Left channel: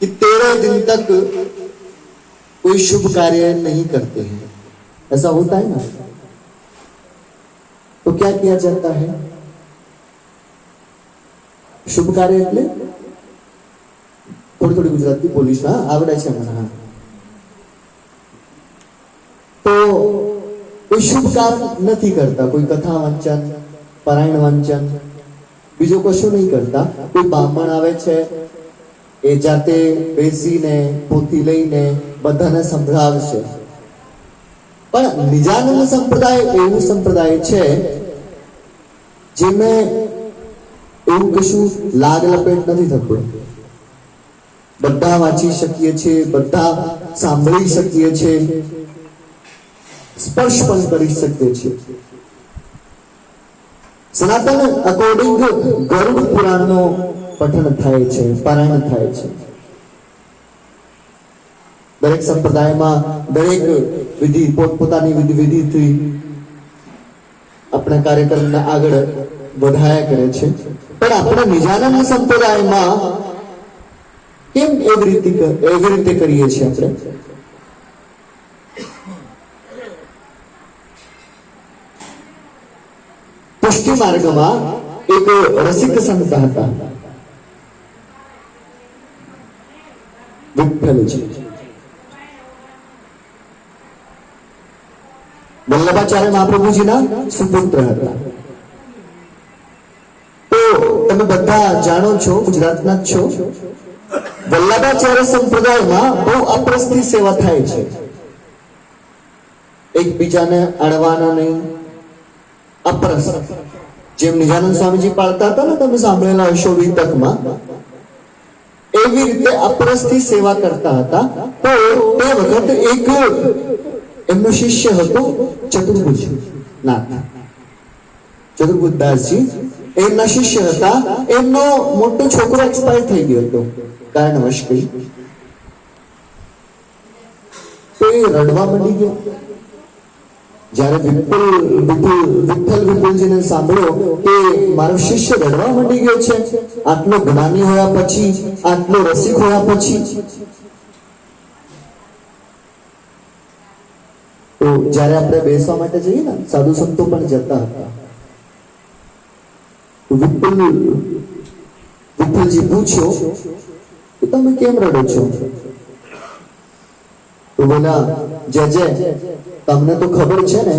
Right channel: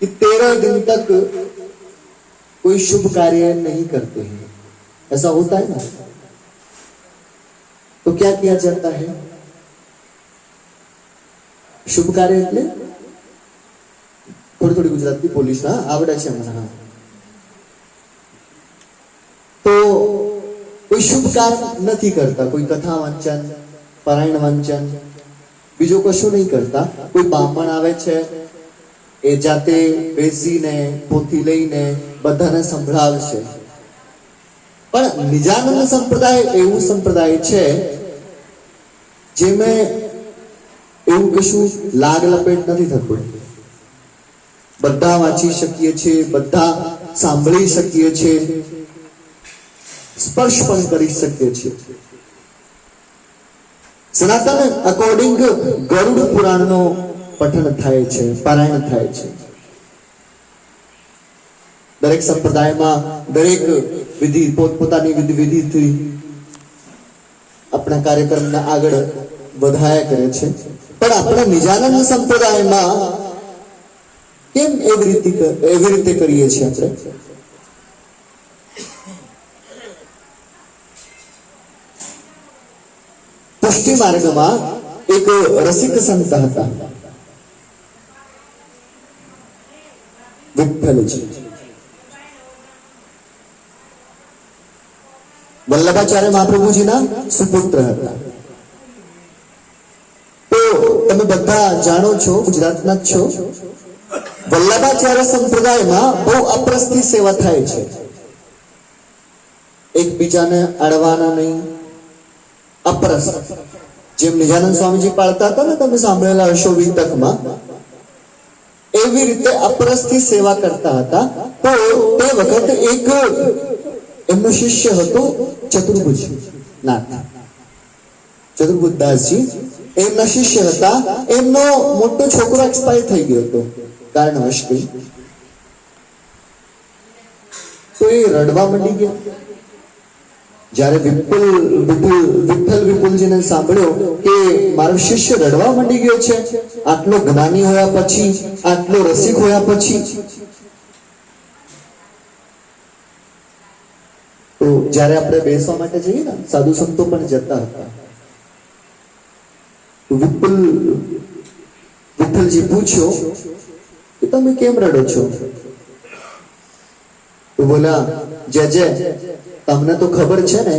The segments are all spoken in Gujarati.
कि 13 दिन तक कोई शुभ कार्य नहीं करते हैं, ऐसा होता है ना। तो क्या किया जाता है? शुभ कार्य એટલે થોડી ગુજરાતી પોલીસ ના આવડે છે મને। તો કોઈ શુભ કાર્ય નથી કરતા, કોઈ કથા વાંચન, પારાયણ વાંચન, બીજો કશું નહીં કરતા। કોઈ બ્રાહ્મણ આવે છે, એ જાતે બેસીને પોથી લઈને બધાને સંભળાવશે। પણ નિજાનંદ સંપ્રદાય એવું સંપ્રદાય છે જેમાં એવું કશું લાગ લપેટ નથી થતું। બધા વાંચી શકીએ છીએ, બધા સાંભળી શકીએ છીએ, સ્પર્શ પણ કરી શકીએ છીએ। સનાતન અકોર્ડિંગ ગરુડ પુરાણનો પઠન થાય છે, પારાયણ થાય છે। દરેક સંપ્રદાયમાં દરેક વિધિ પોતપોતાની વિધિથી આપણા કાર્યક્રમને આગળ વધાયા કરે છે। પણ આપણે નિજાનંદ સંપ્રદાયમાં કેમ એવી રીતે કરીએ છીએ આપણે? પુષ્ટિ માર્ગમાં એક રસિક સંત હતા, વિઠ્ઠલજી। વલ્લભાચાર્ય મહાપ્રભુજીના સુપુત્ર હતા। તો તમે બધા જાણો છો, ગુજરાતના જ છો। વલ્લભાચાર્ય સંપ્રદાયમાં બહુ અપ્રસ્થી સેવા થાય છે। એકબીજાને અડવાના નહીં, અપરસ, જેમ નિજાનંદ સ્વામીજી પાળતા હતા ને, તમે સાંભળેલા હશો વિતકમાં, એવી રીતે અપરસથી સેવા કરતા હતા। તો તે વખતે એક એમનો શિષ્ય હતો ચતુર્ભુજ નાથ, ચતુર્ભુજદાસજી એમના શિષ્ય હતા। એમનો મોટો છોકરો એક્સપાયર થઈ ગયો હતો કારણવશ કઈ, તો એ રડવા માંડી ગયો। જ્યારે વિઠ્ઠલ વિપુલજીને સાંભળ્યો કે મારો શિષ્ય રડવા માંડી ગયો છે, આટલો જ્ઞાની હોવા પછી, આટલો રસિક હોવા પછી, તો જ્યારે આપણે બેસવા માટે જઈએ ને, સાધુ સંતો પણ જતા હતા। વિઠ્ઠલજી પૂછ્યો કે તમે કેમ રડો છો? તો બોલ્યા, જય તમને તો ખબર છે ને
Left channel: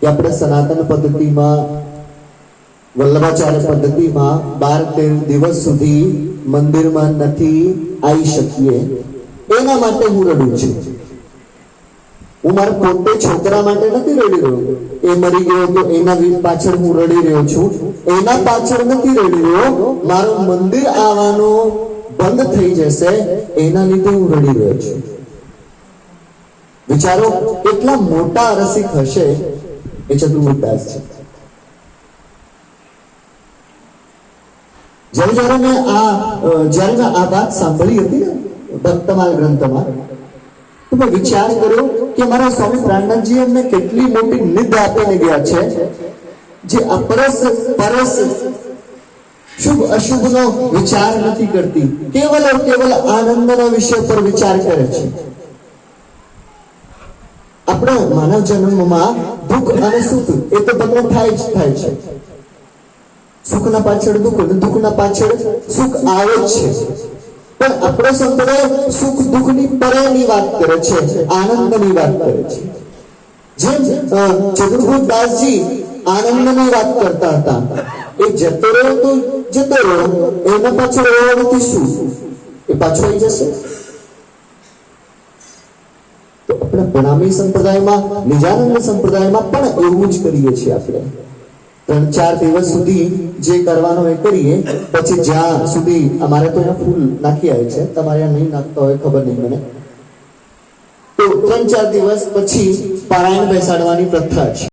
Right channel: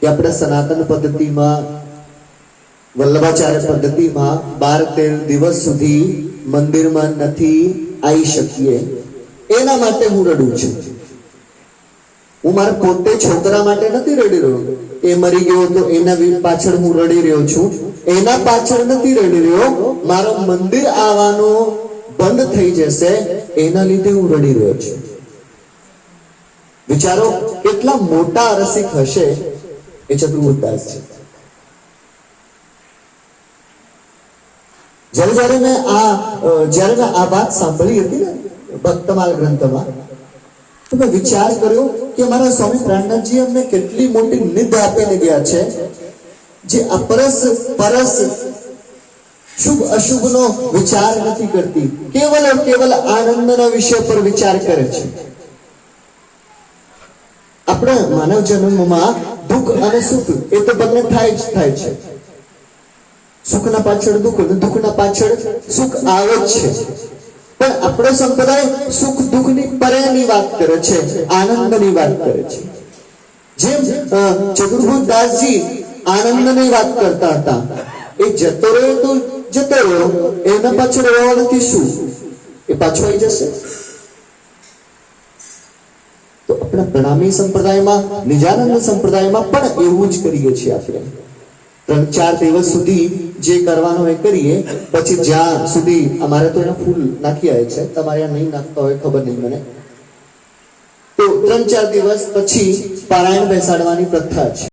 કે આપણે સનાતન પદ્ધતિમાં, વલ્લભાચાર્ય પદ્ધતિમાં 12-13 દિવસ સુધી મંદિરમાં નથી આવી શકીએ, એના માટે હું રડું છું। હું મારા પોતે છોકરા માટે નથી રડી રહ્યો, એ મરી ગયો તો એના પાછળ હું રડી રહ્યો છું, એના પાછળ નથી રડી રહ્યો, મારો મંદિર આવવાનો બંધ થઈ જશે એના લીધે હું રડી રહ્યો છું। વિચારો કેટલા મોટા રસિક હશે એ ચતુર્ભુજદાસ છે। જ્યારે મેં આ વાત સાંભળી હતી ને ભક્તમાલ ગ્રંથમાં, તો મેં વિચાર કર્યો કે મારા સ્વામી પ્રાણનાથજી અમને કેટલી મોટી નિંદ આપીને ગયા છે, જે અપરસ પરસ શુભ અશુભનો વિચાર નથી કરતી, કેવલ આનંદના વિષય પર વિચાર કરે છે। આપણે માનવ જન્મમાં દુઃખ અને સુખ એ તો બંને થાય છે। સુખના પાછળ દુઃખ, દુઃખના પાછળ સુખ આવે જ છે। પણ આપણો સંપ્રદાય સુખ દુઃખની પરેની વાત કરે છે, આનંદની વાત કરે છે। જેમ ચતુર્ભુજદાસજી આનંદની વાત કરતા હતા, એ જતો રહ્યો તો જતો રહ્યો, એના પાછળ રહેવાથી શું, એ પાછો આવી જશે। તો આપણે પ્રણામી સંપ્રદાયમાં, નિજાનંદ સંપ્રદાયમાં પણ એવું જ કરીએ છીએ। આપણે 3-4 દિવસ સુધી જે કરવાનું એ કરીએ, પછી જ્યાં સુધી અમારે તો એના ફૂલ નાખી આવે છે, તમારે આ નહીં નાખતા હોય ખબર નહીં મને, તો 3-4 દિવસ પછી પારાયણ બેસાડવાની પ્રથા છે।